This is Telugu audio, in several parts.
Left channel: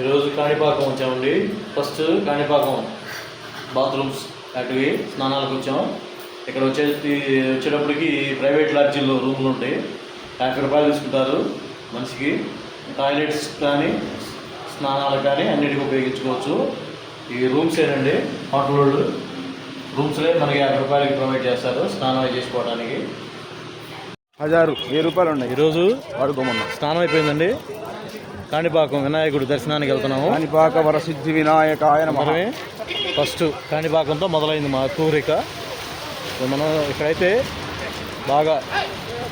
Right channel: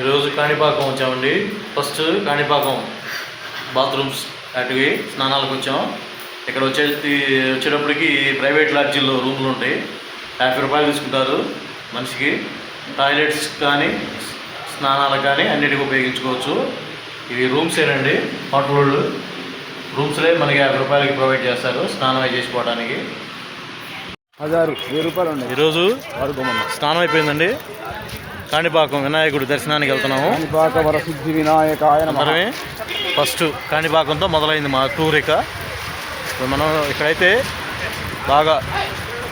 ఈరోజు కాణిపాకం వచ్చామండి. ఫస్ట్ కాణిపాకం బాత్రూమ్స్ అటువి స్నానాలకు వచ్చాం. ఇక్కడ వచ్చేసి వచ్చేటప్పటికి ప్రైవేట్ లాడ్జీల్లో రూములు ఉంటాయి. యాభై రూపాయలు తీసుకుంటారు మనిషికి. టాయిలెట్స్ కానీ స్నానాలకు కానీ అన్నిటికీ ఉపయోగించుకోవచ్చు. ఇవి రూమ్సేనండి హోటల్ వాళ్ళు రూమ్స్లే మనకి యాభై రూపాయలకి ప్రొవైడ్ చేస్తారు స్నానం అయి చేసుకోవడానికి. హజారు వెయ్యి రూపాయలు ఉన్నాయి. ఈరోజు వాడుకోమన్నా. స్నానం అయిపోయిందండి. కాణిపాకం వినాయకుడి దర్శనానికి వెళ్తున్నాము. కాణిపాక వరసిద్ధి వినాయకాయ నమః. అందరమే ఫస్ట్ కాణిపాకంతో మొదలైంది మా టూర్ ఇక. మనం ఇక్కడైతే బాగా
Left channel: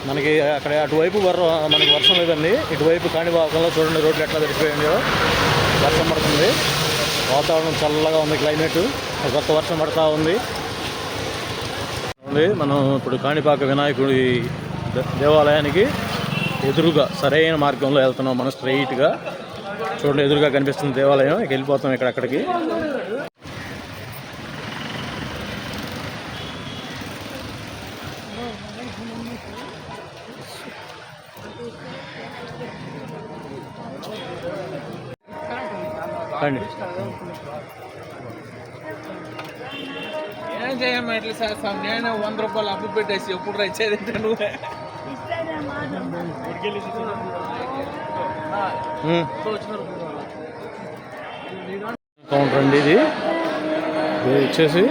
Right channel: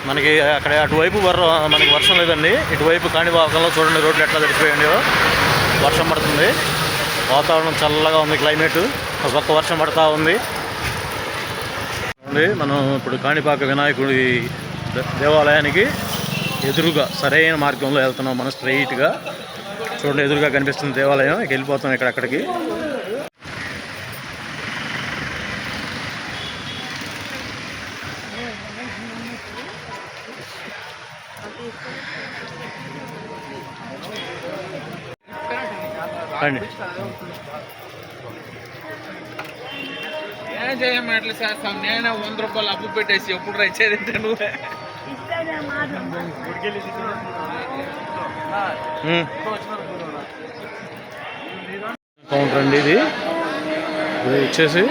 మనకి అక్కడ అటువైపు వర మనకి వర్షం లేదండి. ఇటువైపు కాణిపాకంలో చూడండి రోడ్లు ఎట్లా తడిచిపోయాయో వర్షం పడుతుంది. వాతావరణం చల్లగా ఉంది క్లైమేట్ ఒక పక్క వర్షం పడతా ఉంది. మనం ఇప్పుడు కాణిపాక వినాయకుడి దేవాలయానికి ఎదురుగా సరైన మార్గంలో వెళ్తున్నాం మనం స్ట్రైట్గా. చూడండి ఎదురుగా కనిపిస్తుంది దేవాలయం. ఇక వెళ్ళిపోతాం ఇక్కడ అక్కడికి. రండి. ఏం చేయమట్లే సార్ నేను వంద రూపాయలు అప్పు పెట్టేసి ఎప్పుడు రచ్చేదంటే నువ్వు. కౌంటర్ అండి ఇది. ఇది వచ్చేసి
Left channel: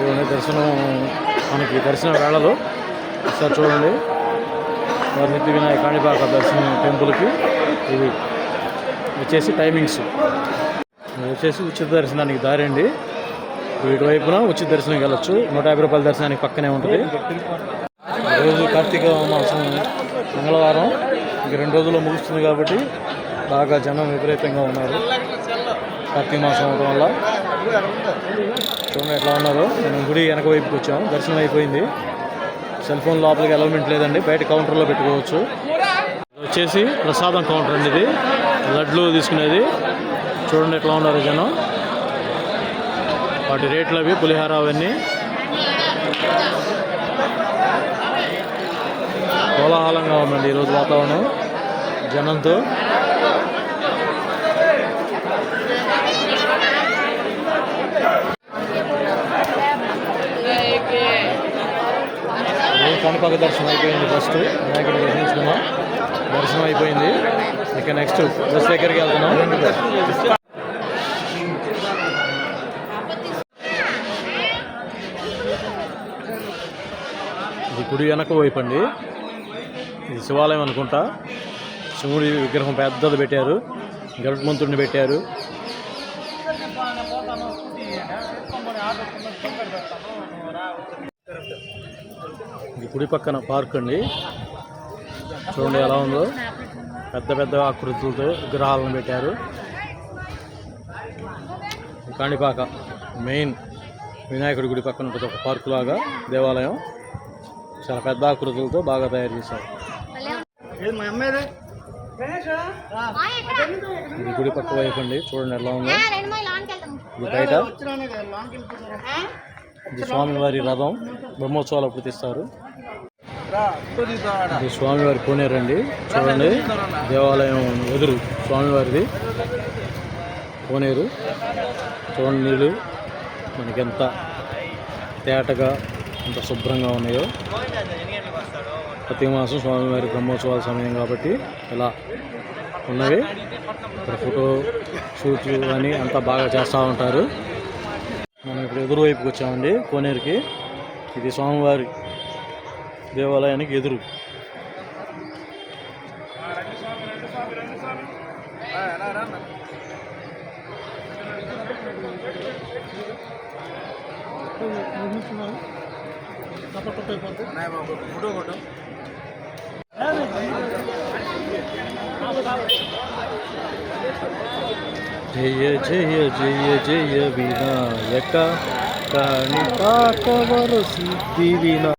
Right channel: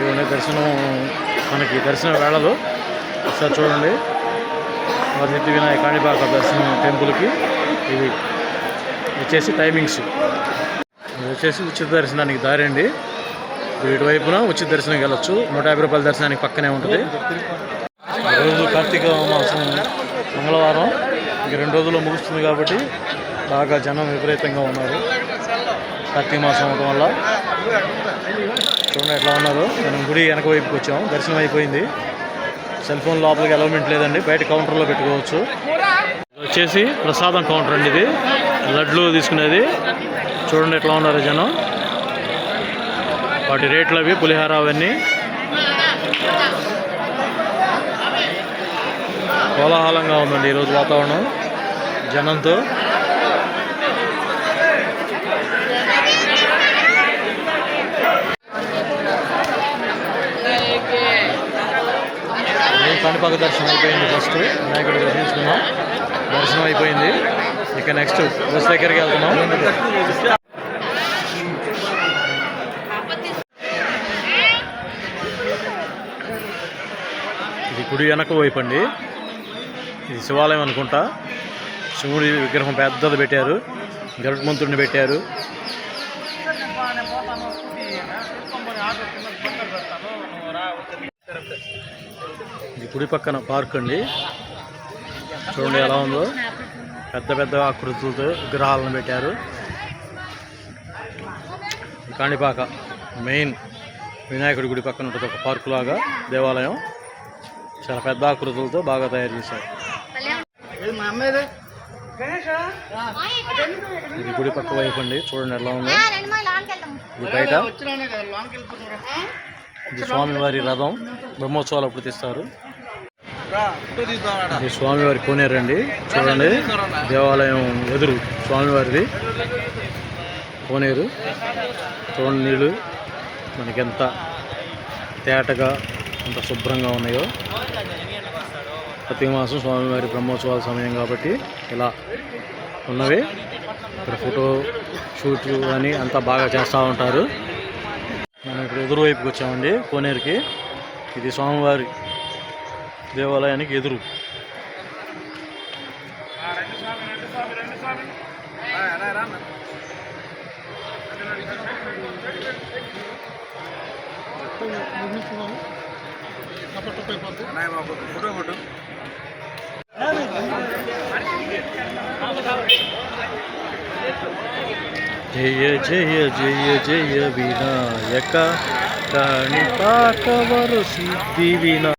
ఇవన్నీ దర్శనం మనకి దర్శన వేళలు. ఒకసారి చూడండి. వరసిద్ధి వినాయక కాణిపాక దర్శనం టెంపుల్కి. ఇవి వచ్చేసి టైమింగ్స్. ఇది వచ్చేసి ఉచిత దర్శనానికి దారి అండి. ఇటువైపున ఉచిత దర్శనం వెళ్ళొచ్చు. నూట యాభై రూపాయల దర్శనానికి పక్కనే ఉంటుంది. ఈరోజు కార్తీక మాసం మంగళవారం. ఇంక రెండు రోజుల్లో ముగుస్తుంది కాబట్టి బాగా జనం విపరీతంగా ఉన్నారు. కార్తీక మాసం అవడం వల్ల. చూడండి ఎట్లా ఉన్నారు. మనం గుడి వెనక వైపుకి వచ్చాం. దర్శనం అయిపోయింది. సెల్ ఫోన్ లోపలికి అలౌమెంట్ లేదండి. బయట కౌంటర్లో పెట్టుకోవచ్చు. వచ్చేసి ప్రసాదం కౌంటర్ అండి ఇది. లడ్లు తీసుకునేది. చూడండి ఎట్లా ఉన్నారు జనం. వాటి రేట్లు అవి పులిహార అవన్నీ. కోలాహలంగా ఉందండి ఈరోజు వాతావరణం జనంతో. కణిపాక దర్శనం అయిపోయింది ఫస్ట్ వినాయకుడు దర్శించుకున్నాం. దర్శనం అయిపోయింది. ఇక నెక్స్ట్ బస్ దగ్గరికి వెళ్తున్నాం. ఇది గుడి వెనక వైపు అండి. ఇది శివాలయం అనుకుంటా. శివుడి విగ్రహం పెద్దది పెట్టారు. గరుత్మంతుడిని పెట్టారు. ఇది గుడి పక్కన పార్క్ అండి. చూడండి ఎలా ఉందో. పెద్ద పెద్ద ఆకృతులతో విగ్రహాలను పెట్టారు. కాణిపాక మెయిన్ వినాయకుడి గుడి పక్కన ఉంటుంది ఒక పార్కు లాగా దేవాలయం. చాలా పెద్ద ఆకృతులతో బాగా తయారు చేశారు. ఇది గుడి పక్క వైపు అండి చూడండి ఎలా ఉందో. ఇది బయట. ఇది స్వామివారి రథం బ్రహ్మోత్సవాలు అప్పుడు తీస్తారు. ఇది స్వామివారి కోనేరండి చూడండి. దేవాలయం ఎదురు స్వామివారిది. కోనేరు చూడండి నీళ్ళు మనకి ఎంత తేటగా ఎంత శుభ్రంగా ఉన్నాయో. ప్రతి మాసం స్వామివారి బ్రహ్మోత్సవాల సమయం కాబట్టి ఇలా ఉన్నవి. ఇక్కడ ఫోటో షూట్ అని అంతా బాగా చేస్తూ ఉంటారు. మనం ఇప్పుడు ఎదురు వైపుకి వచ్చామండి కోనేరుకి. ఇది స్వామివారి దేవాలయానికి ఎదురు. ఫోటో కొట్టు. जय जय जय जय विनायक काणिपाकवर सिद्धि विना।